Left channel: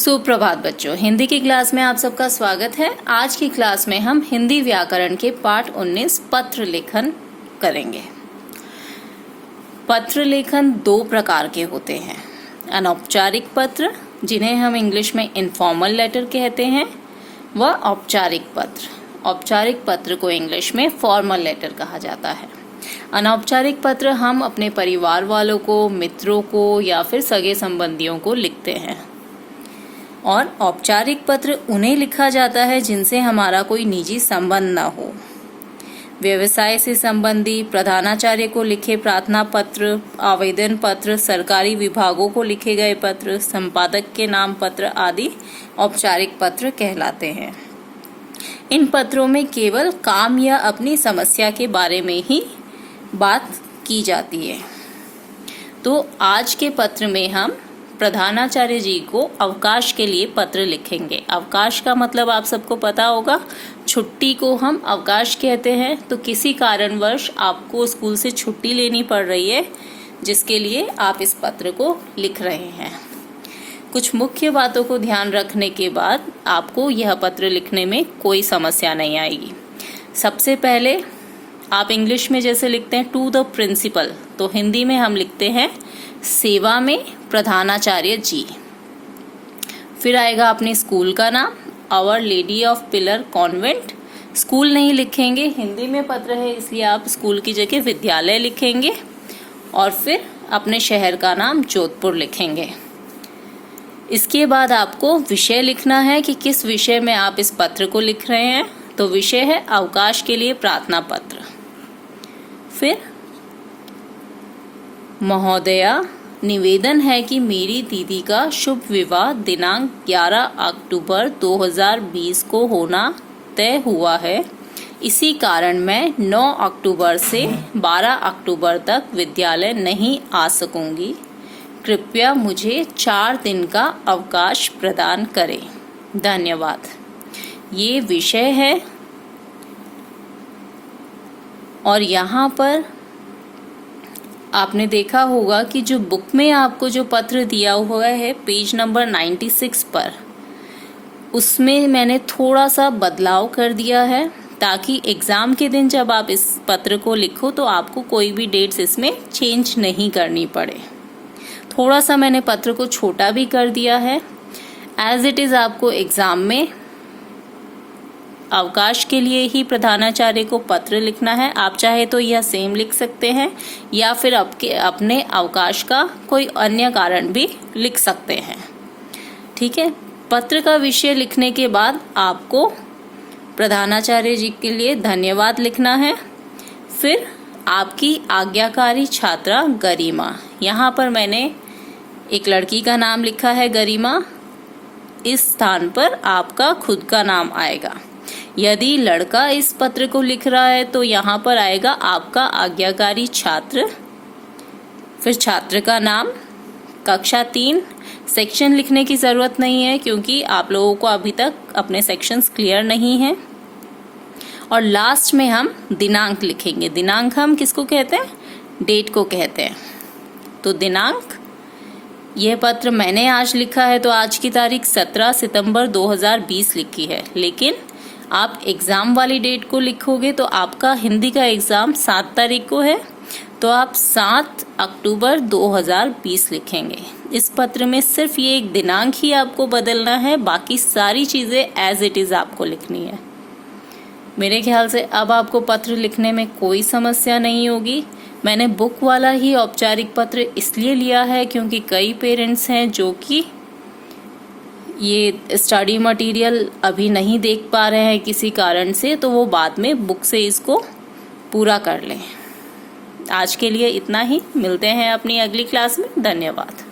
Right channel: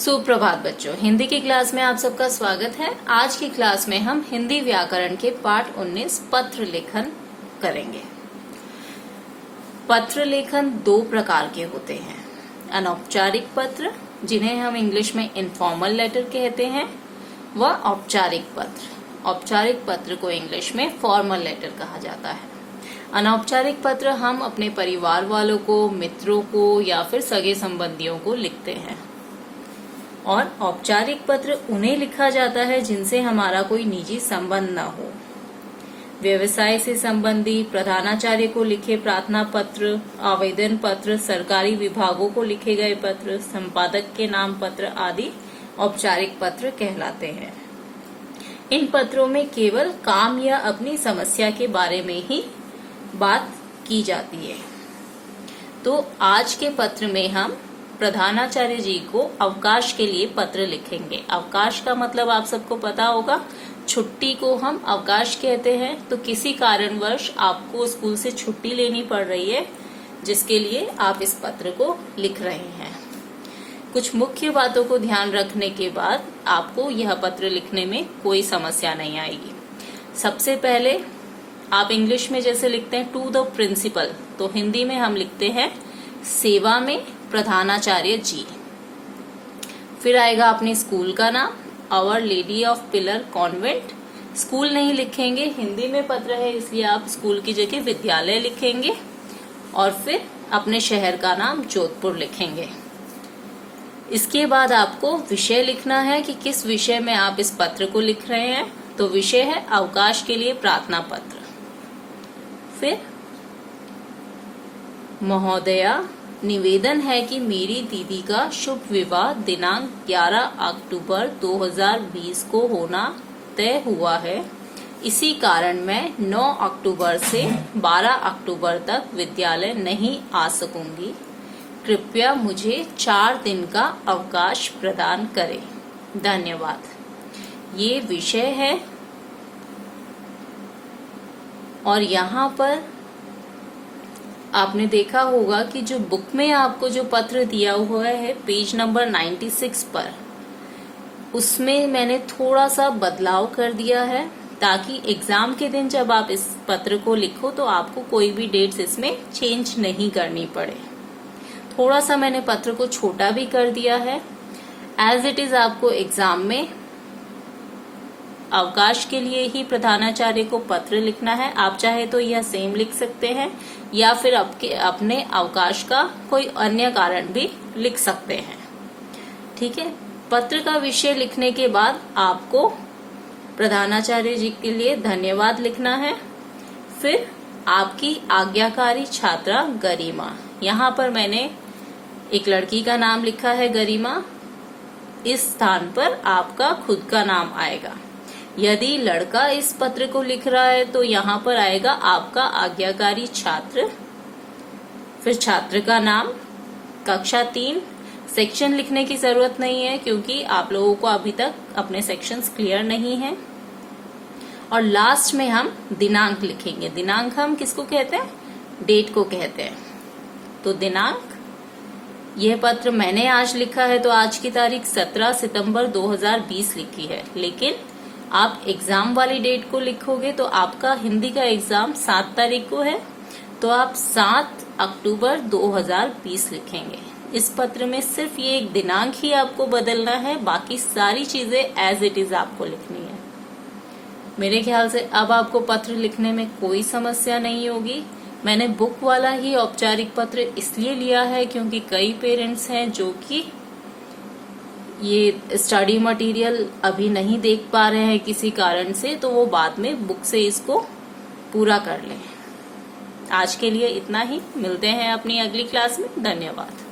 सुप्रभात बच्चों, हिंदी की क्लास में आप सबका स्वागत है। आज की क्लास में हम हिंदी व्याकरण के पाठ 19 पत्र लेखन करेंगे। पत्र लेखन दो प्रकार के होते हैं, अनौपचारिक पत्र जिन्हें हम इंग्लिश में इनफॉर्मल लेटर कहते हैं, व औपचारिक पत्र। औपचारिक पत्र को इंग्लिश में फॉर्मल लेटर कहा जाता है। अनौपचारिक पत्र हम अपने परिवार वालों को, मित्रों को या फिर सगे संबंधियों को लिखते हैं, और औपचारिक पत्र उन्हें लिखा जाता है जिनसे हमारा कोई निजी संबंध न हो। व्यवसाय से संबंधी, प्रधानाचार्य को लिखे प्रार्थना पत्र, आवेदन पत्र, सरकारी विभागों को लिखे गए पत्र, संपादक के नाम पत्र आदि औपचारिक पत्र कहलाते हैं। इन पत्रों में केवल काम या अपनी समस्या के बारे में ही बात की जाती है। तो आज के पत्र में हम प्रधानाचार्य जी को अवकाश के लिए पत्र लिखेंगे। अवकाश का मतलब आप सबको पता होगा, छुट्टी को हम अवकाश कहते हैं। तो किसी कारणवश आपको स्कूल से छुट्टी लेनी पड़ रही है, जिसके लिए आप इस पत्र को लिख रहे हैं। कुछ मुख्य बातों को ध्यान रखने के बाद आपको यह पत्र लिखने में कोई समस्या नहीं आएगी। सबसे पहले आप इंग्लिश में जैसे लिखते हैं टू द प्रिंसिपल, तो हिंदी में हम लिखते हैं सेवा में प्रधानाचार्य जी। फिर आएगा अपने स्कूल का नाम, Our Lady of Pillar Convent. School नहीं लिखेंगे, हिंदी में पत्र है इसलिए आप स्कूल की जगह विद्यालय लिखेंगे। और फिर अपने शहर का नाम जोधपुर लिखेंगे। इसके बाद आपको विषय लिखना है कि किस विषय में आप इस पत्र को लिख रहे हैं। तो विषय है अवकाश के लिए प्रार्थना पत्र। फिर महोदया, निवेदन है कि मेरी दीदी का शुभ विवाह दिनांक 11 अक्टूबर 2020 को होना तय हुआ है। इसी कारण मैं 9 अक्टूबर से 12 अक्टूबर तक विद्यालय नहीं आ सकूंगी। कृपया मुझे 4 दिन का अवकाश प्रदान करें। धन्यवाद। ये विषय है और यहाँ पर आपने देखा होगा कि जो बुक में आपको जो पत्र दिया हुआ है पेज नंबर 96 पर, उसमें मैंने थोड़ा सा बदलाव कर दिया है ताकि एग्जाम के दिन जब आप इस पत्र को लिखो तो आपको कोई भी डेट्स इसमें चेंज नहीं करनी पड़े। थोड़ा सा मैंने पत्र को छोटा भी कर दिया है। एज इट इज आपको एग्जाम में अवकाश के लिए ही प्रधानाचार्य को पत्र लिखना है। आप चाहे तो यह सेम लिख सकते हैं या फिर अपने अवकाश का कोई अन्य कारण भी लिख सकते हैं। ठीक है। पत्र का विषय लिखने के बाद आपको प्रधानाचार्य जी के लिए धन्यवाद लिखना है। फिर आपकी आज्ञाकारी छात्रा गरिमा, यहाँ पर मैंने एक लड़की का नाम लिखा है गरिमा। इस स्थान पर आपका खुद का नाम आएगा। यदि लड़का इस पत्र को लिख रहा है तो यहाँ पर आएगा आपका आज्ञाकारी छात्र, फिर छात्र का नाम, कक्षा 3। सेक्शन लिखने की जरूरत नहीं है क्योंकि आप लोगों को अभी तक अपने सेक्शंस क्लियर नहीं हैं। और लास्ट में हम दिनांक लिखेंगे। दिनांक हम किसको कहते हैं? डेट को कहते हैं। तो दिनांक, यह पत्र मैंने आज लिखा है तो आज की तारीख 17 सितंबर 2020 लिखी है, लेकिन आप एग्जाम वाली डेट को लिखोगे तो आपका हिंदी का एग्जाम 7 तारीख को है, तो आप 7 अक्टूबर 2020 लिखेंगे। इस पत्र में सिर्फ ये एक दिनांक ही आपको बदलना है, बाकी सारी चीजें एज इट इज आपको लिखनी है। मेरे ख्याल से अब आपको पत्र लिखने में कोई समस्या नहीं होगी। मैंने बुक वाला ही औपचारिक पत्र इसलिए लिया है क्योंकि कई पेरेंट्स हैं जो कि ये स्टडी मटेरियल अभी नहीं देख पा रहे हैं किसी कारण से, तो वो बाद में बुक से इसको पूरा कर लें। आज के लिए इतना ही, मिलते हैं अपनी अगली क्लास में। धन्यवाद।